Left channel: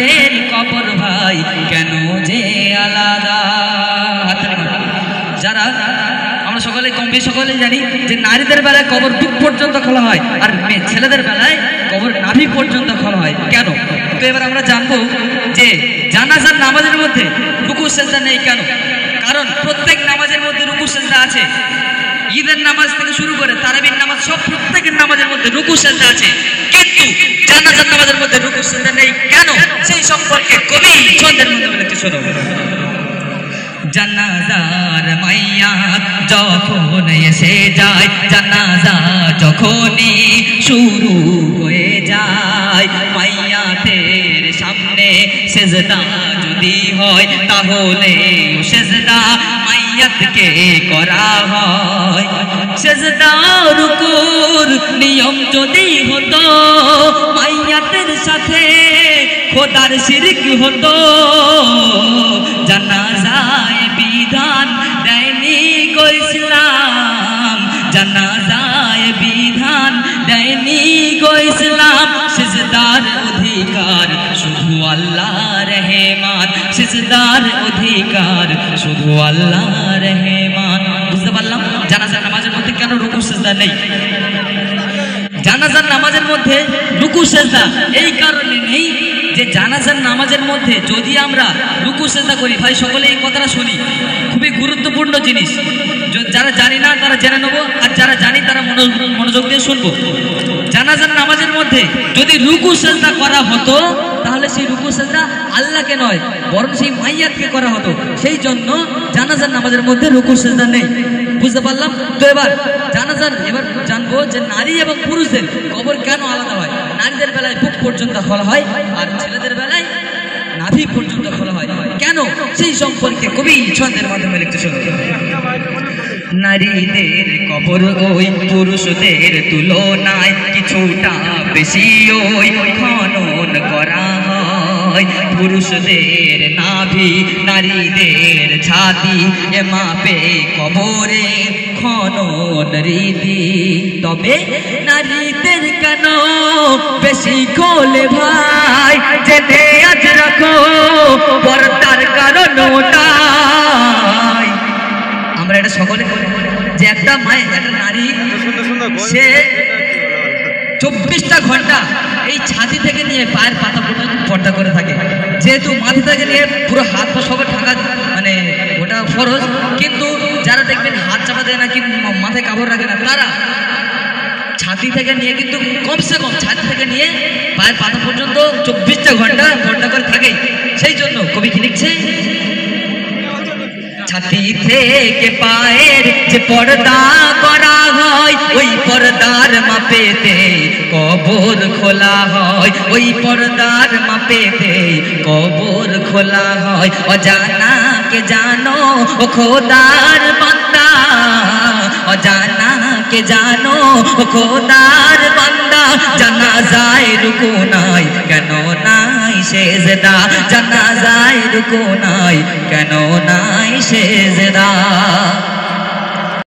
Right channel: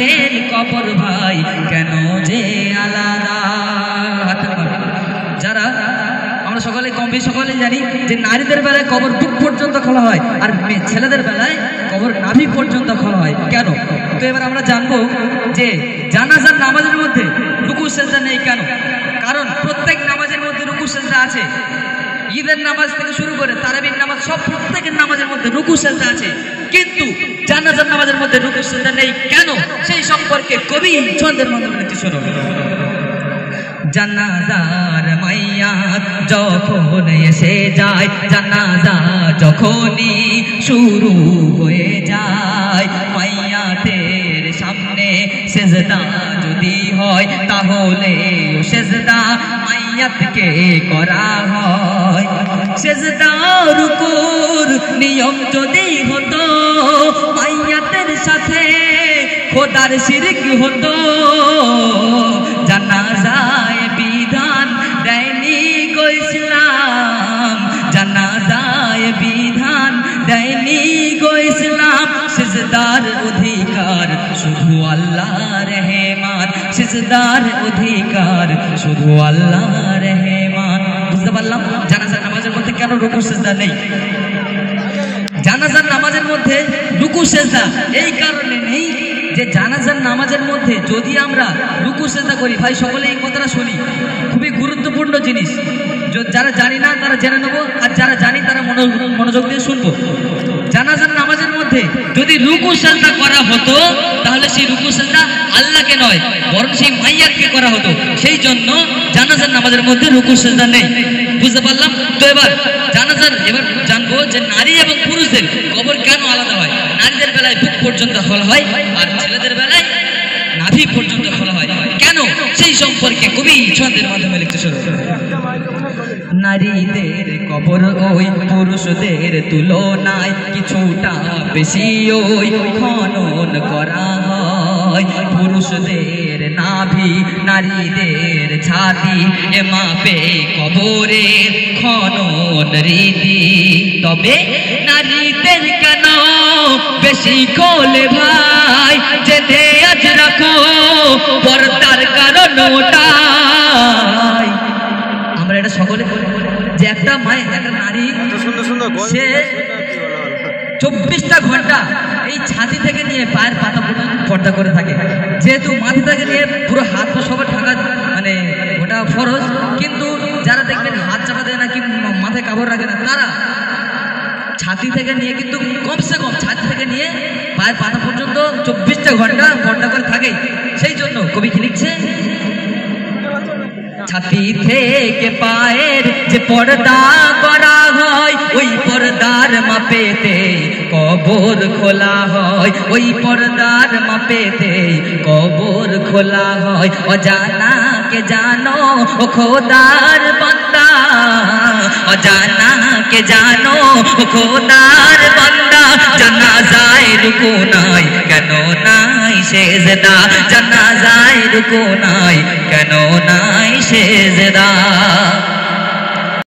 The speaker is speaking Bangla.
নারীদের কবর ভাই কেন যে আলাদা। যারা আমরা সকলে কম বেশি সকলে জানি যে নারীদের বেলায় কবর বুক পর্যন্ত খোলা হয়, আর ছেলেদের বেলায় কবর নাভি পর্যন্ত খোলা হয়। কেন? তো এবার আমরা জানবো যে জানাজার নামাজের মধ্যে রুকু সেজদা নেই কেন। কারণ প্রত্যেক নামাজের মধ্যে রুকু সেজদা আছে। ঈদের নামাজ থেকে শুরু করে তারাবির নামাজ সব প্রত্যেকের নামাজের মধ্যে রুকু সেজদা আছে, কিন্তু জানাজার নামাজের মধ্যে রুকু সেজদা নেই কেন, সেই সম্পর্কে কবি ছন্দের মাধ্যমে লিখতে শোনো। জানাজার মাইয়াত যখন এসে যায়, জানাজা যখনই শুরু হয়ে যায়, মাইয়াতের সামনে সেজদা যদি হয় তাহলে সেজদা মাইয়াতকে করা হয়। সেজদা রুকুর নিয়ম যদি হতো, মাইয়াতের সাথে খোদার শিরক হতো। জানাজায় বিধান দেয়নি গো ইসলাম, জানাজায় বিধান দেয়নি গো ইসলাম। সিজদার অধিকার শুধু আল্লাহ রহমান, সিজদার অধিকার শুধু আল্লাহ রহমান। বুঝতে পারলাম জানাজার নামাজের মধ্যে কেন রুকু সিজদা নেই। জানাজার নামাজের মধ্যে রুকু সিজদা এই কারণে নেই যে জানাজার নামাজের মধ্যে যদি আমরা রুকু সিজদা করি, ভাই সকলে এই কথাটা শুনি, খুবই গুরুত্বপূর্ণ জিনিস। যারা জানি না তারা জেনে নেবো, আর যারা জানি তারা মনোযোগ দিয়ে শুনবো। জানাজার নামাজের মধ্যে যদি রুকু সিজদা করা হতো তাহলে সেই রুকু সিজদা আল্লাহকে নয় বরং সেই মাইয়াতকে করা হতো। সেই জন্য জানাজার নামাজের মধ্যে রুকু সিজদা নেই। বুঝতে পারলাম? তো এবার জানবো যে নারী এবং পুরুষদের কবর কেন আলাদা হয়। নারীদের বেলায় বুক পর্যন্ত খোলা হয়, আর ছেলেদের বেলায় নাভি পর্যন্ত খোলা হয় কেন, সেই সম্পর্কে কবি ছন্দের মাধ্যমে লিখতে শুরু। নারীদের কবর ওই পুরুষদের তুলনায় কিছুটা বেশি ওই খনন করা হয়। পুরুষদের নাভি নারীদের ছাতি এ মাপে কবরের খনন রীতি। তবে নারীদের কেন বেশি খোলে ভাই, জেনে আজ রাখো পর্দার কারণ ওটাই। আমরা এটা সকলে যে একটা নারী সে 24টা ঘন্টা এই ছাতি থেকে নিয়ে পায়ের পাতা পর্যন্ত পর্দা করে থাকে। যেহেতু মাথা থেকে নিয়ে পুরো হাত পা সবার ঢাকা, মানে ওটা ফরজ, কিন্তু যারা দেখবেন হাত চাপা দেয় না কিন্তু মাথায় কাপড় রাখে না, তারা ছাতি থেকে নিয়ে কিন্তু কমসে কম ছাতি থেকে নিয়ে পায়ের পাতা পর্যন্ত 24টা ঘন্টা পর্দা করে থাকে। সেই জন্য কবি কি লিখছে, ছাতি থেকে পায়ের যে পর্দা করা হয়, ওই পর্দার মাপেতে কবর খোলা হয়, ওই পর্দার মাপেতে কবর খোলা হয়। অজানাকে জানো ও খোদার বান্দা, অজানাকে জানো ও খোদার বান্দা। জানাজায় রুকু নাই কেন নাই সেজদা, জানাজায় রুকু নাই কেন নাই সেজদা।